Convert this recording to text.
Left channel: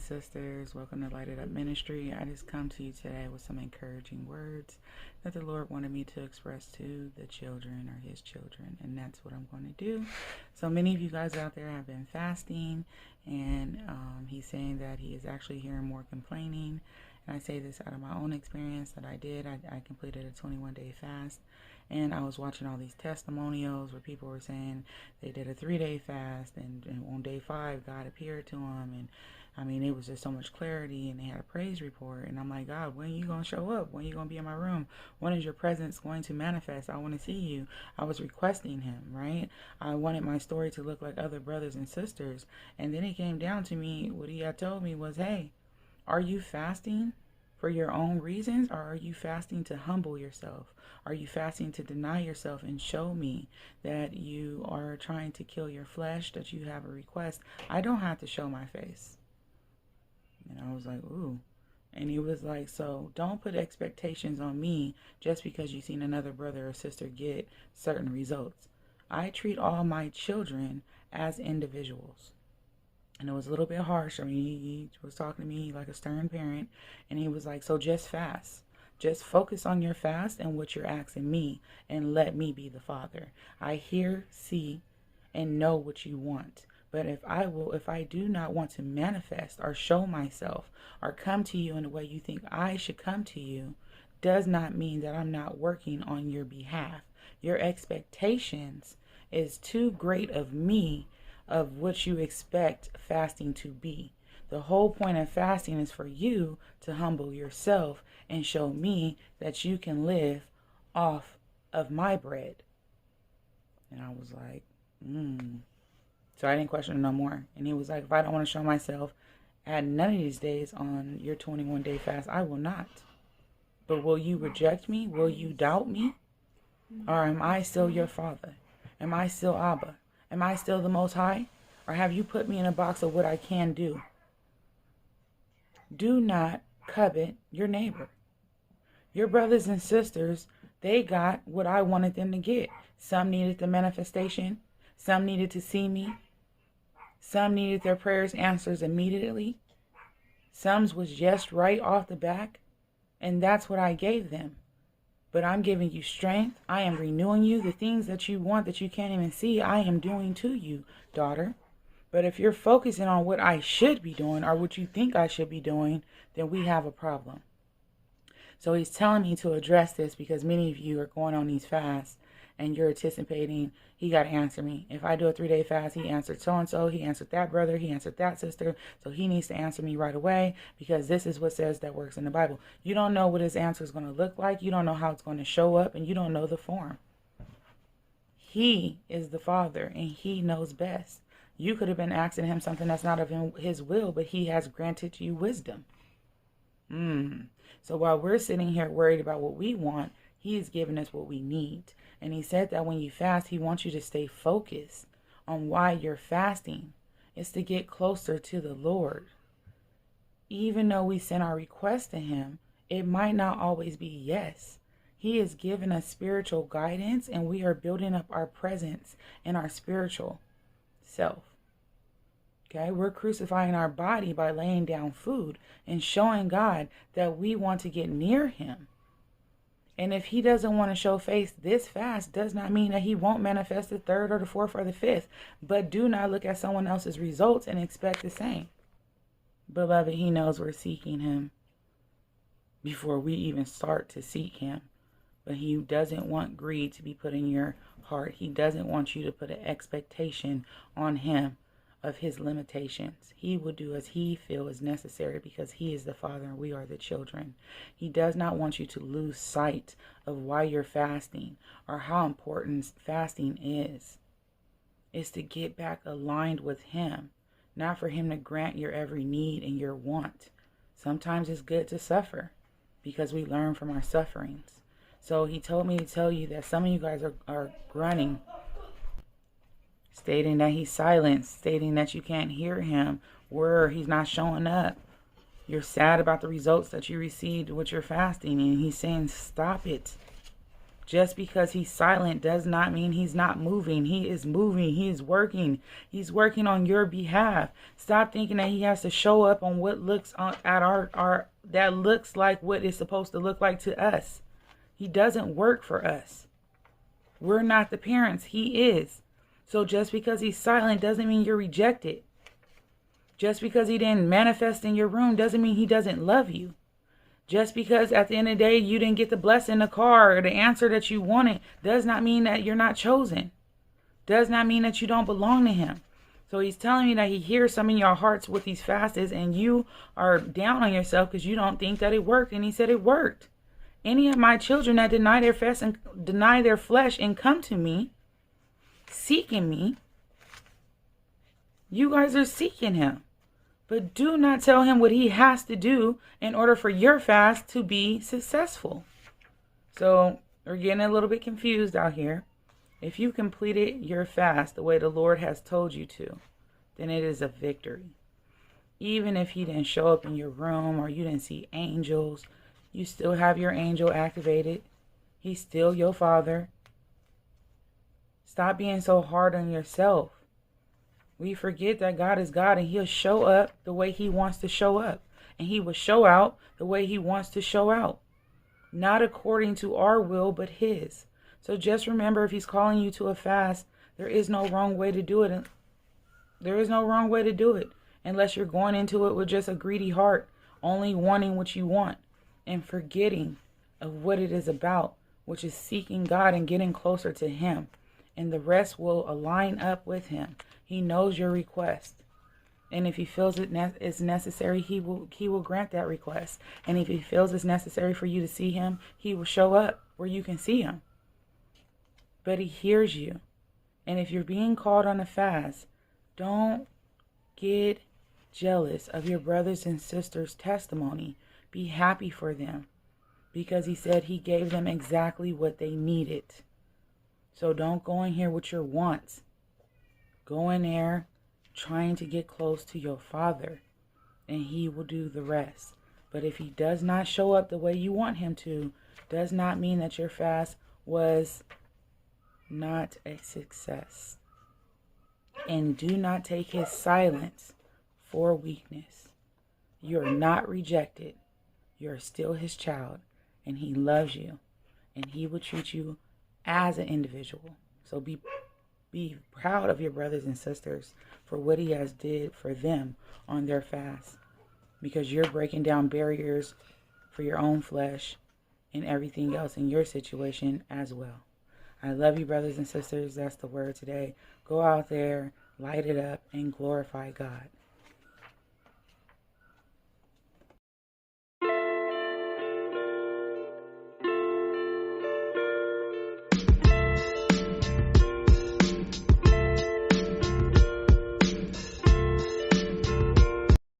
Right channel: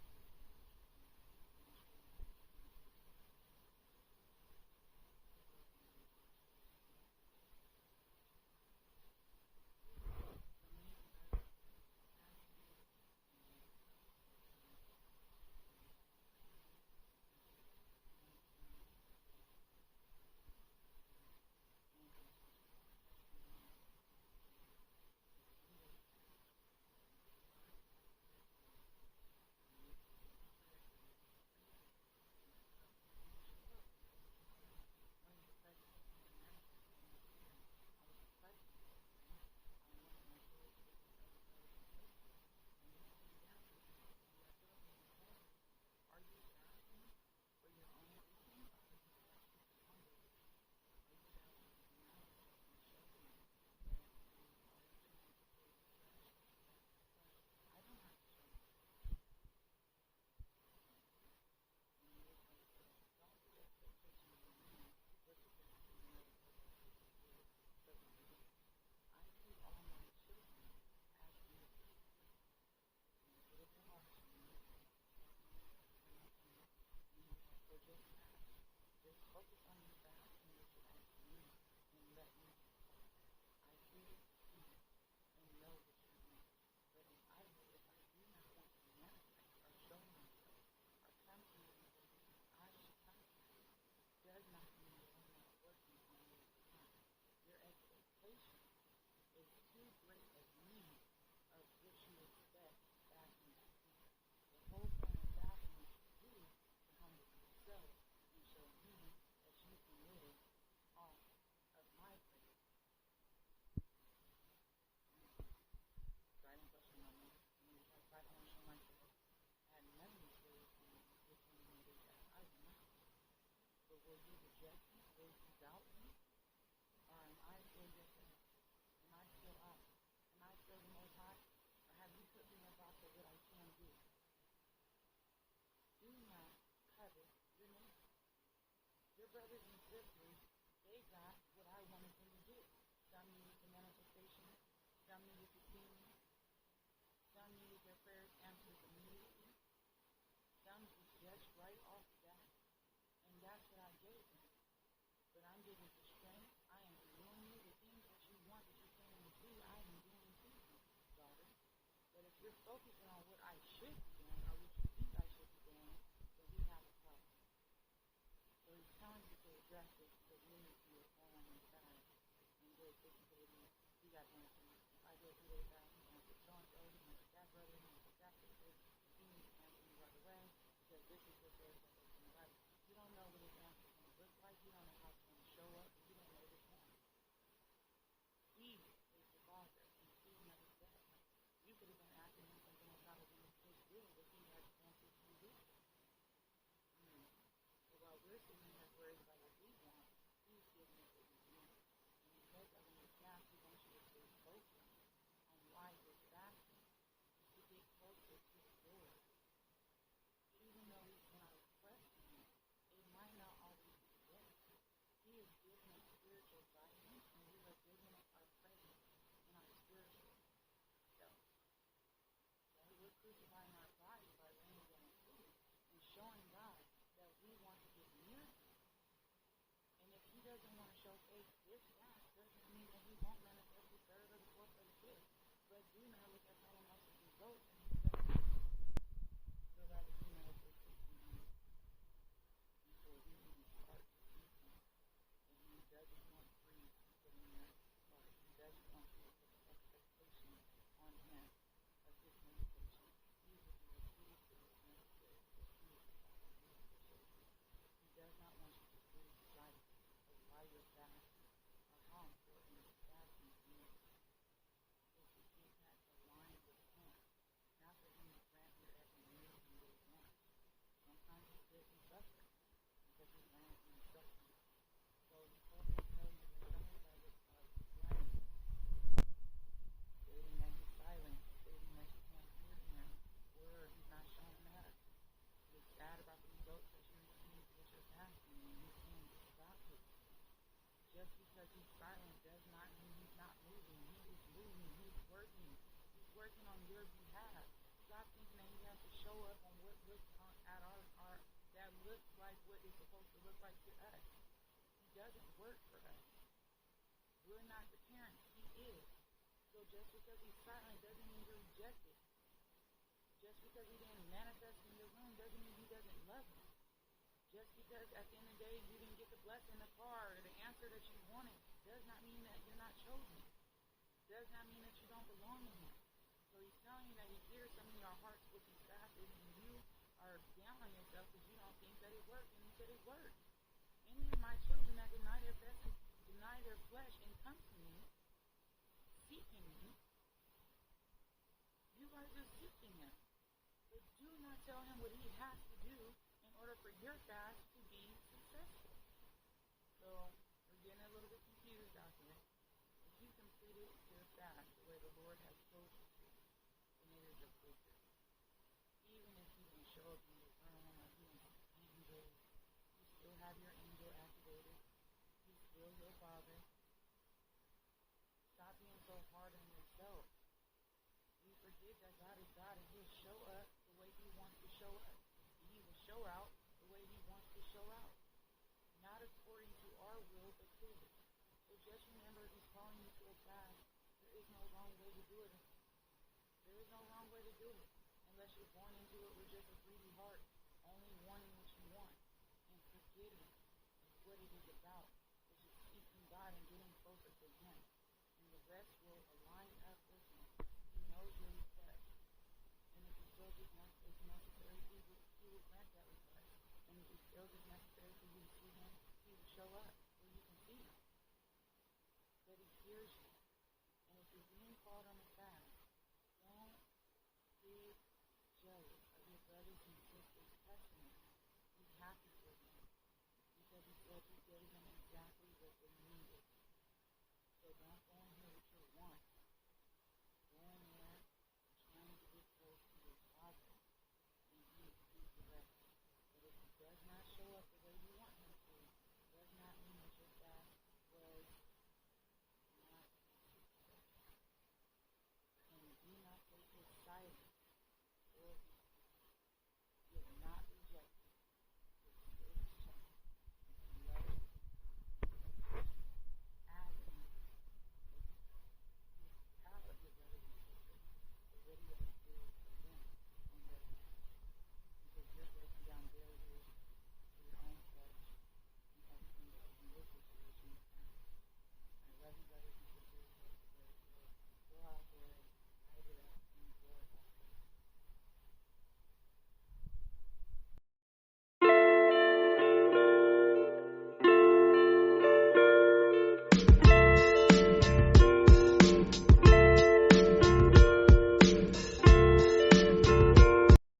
and sisters, welcome to Light It Up Ministry. I just come to you today with some encouraging words that the Lord wanted me to express to the children or his children, and that's what I'm going to do. So many of you guys out there have been fasting, and he's saying that he is actually hearing more complaining. And I say this out of my own experience that I did. I completed a 21-day fast. And I was watching all these testimonials where people were saying they did a 3-day fast, and on day 5, God appeared to them. And I mean, it was just so much clarity, and they had a praise report. And I'm like, God, when are you going to show up? When are you going to be in my room? When is your presence going to manifest? I want to see you. I was requesting him, right? I wanted my story to look like other brothers and sisters. And then it came down to me, what he had told me was, hey, are you fasting for your own reasons, or are you fasting to humble yourself? Are you fasting to deny yourself and show me that you are trying to kill your flesh, that you have a request? I don't have to show my face. And I was like, ooh. And he was like, so don't put expectations on me just because you've seen another brother or sister get certain results. I treat all my children as individuals. And it was a little bit harsh. I mean, he was talking to me like a stern parent. And he was like, so just fast. Just focus on your fast and what you're asking me, and let me be the Father. I hear, see, and know what you want. But if I do not want to manifest or show myself or come to you in the way you think I should come to you, does not mean that I'm not working on your behalf. Your expectations is too great of me, of what you expect fasting to be. The whole point of fasting is for you to humble yourself and show me that you can live off of my bread. And I was like, So I didn't question him no more. And he was like, if I don't want to show myself at none of these days on your 21-day fast, I will not. But will you reject me? Will you doubt me? Or am I still your Father? Am I still Abba? Am I still the Most High? Or have you put me in a box of what I can do? Do not covet your neighbor. Your brothers and sisters, they got what I wanted them to get. Some needed the manifestation. Some needed to see me. Some needed their prayers answered immediately. Some was just right off the back. And that's what I gave them. But I'm giving you strength. I am renewing you. The things that you want that you can't even see, I am doing to you, daughter. But if you're focusing on what I should be doing or what you think I should be doing, then we have a problem. So he's telling me to address this because many of you are going on these fasts and you're anticipating, he got to answer me. If I do a 3-day fast, he answered so-and-so, he answered that brother, he answered that sister. So he needs to answer me right away because this is what says that works in the Bible. You don't know what his answer is going to look like. You don't know how it's going to show up, and you don't know the form. He is the Father, and he knows best. You could have been asking him something that's not of his will, but he has granted you wisdom. So while we're sitting here worried about what we want, he is giving us what we need. And he said that when you fast, he wants you to stay focused on why you're fasting. It's to get closer to the Lord. Even though we send our request to him, it might not always be yes. He is giving us spiritual guidance, and we are building up our presence and our spiritual self. Okay, we're crucifying our body by laying down food and showing God that we want to get near him. And if he doesn't want to show face this fast, does not mean that he won't manifest the 3rd or the 4th or the 5th. But do not look at someone else's results and expect the same. Beloved, he knows we're seeking him before we even start to seek him. But he doesn't want greed to be put in your heart. He doesn't want you to put an expectation on him of his limitations. He will do as he feels is necessary because he is the Father and we are the children. He does not want you to lose sight of why you're fasting or how important fasting is. It's to get back aligned with him, not for him to grant your every need and your want. Sometimes it's good to suffer because we learn from our sufferings. So he told me to tell you that some of you guys are grunting, stating that he's silent, stating that you can't hear him, where he's not showing up. You're sad about the results that you received with your fasting, and he's saying, stop it. Just because he's silent does not mean he's not moving. He is moving. He is working. He's working on your behalf. Stop thinking that he has to show up on what looks at our that looks like what it's supposed to look like to us. He doesn't work for us. We're not the parents. He is. So just because he's silent doesn't mean you're rejected. Just because he didn't manifest in your room doesn't mean he doesn't love you. Just because at the end of the day you didn't get the blessing, the car, or the answer that you wanted does not mean that you're not chosen. Does not mean that you don't belong to him. So he's telling me that he hears some in your hearts with these fasts, and you are down on yourself because you don't think that it worked. And he said it worked. Any of my children that deny their flesh and come to me, seeking me, you guys are seeking him. But do not tell him what he has to do in order for your fast to be successful. So we're getting a little bit confused out here. If you completed your fast the way the Lord has told you to, then it is a victory. Even if he didn't show up in your room or you didn't see angels, you still have your angel activated. He's still your father. Stop being so hard on yourself. We forget that God is God and he'll show up the way he wants to show up. And he will show out the way he wants to show out. Not according to our will, but his. So just remember, if he's calling you to a fast, there is no wrong way to do it. There is no wrong way to do it. Unless you're going into it with just a greedy heart, only wanting what you want and forgetting of what it is about, which is seeking God and getting closer to him. And the rest will align up with him. He knows your request. And if he feels it's necessary, he will grant that request. And if he feels it's necessary for you to see him, he will show up where you can see him. But he hears you. And if you're being called on a fast, don't get jealous of your brothers and sisters' testimony. Be happy for them. Because he said he gave them exactly what they needed. So don't go in here with your wants. Go in there trying to get close to your Father, and he will do the rest. But if he does not show up the way you want him to, does not mean that your fast was not a success. And do not take his silence for weakness. You are not rejected. You are still his child, and he loves you, and he will treat you as an individual. So be proud of your brothers and sisters for what he has did for them on their fast, because you're breaking down barriers for your own flesh and everything else in your situation as well. I love you, brothers and sisters. That's the word today. Go out there, light it up, and glorify God.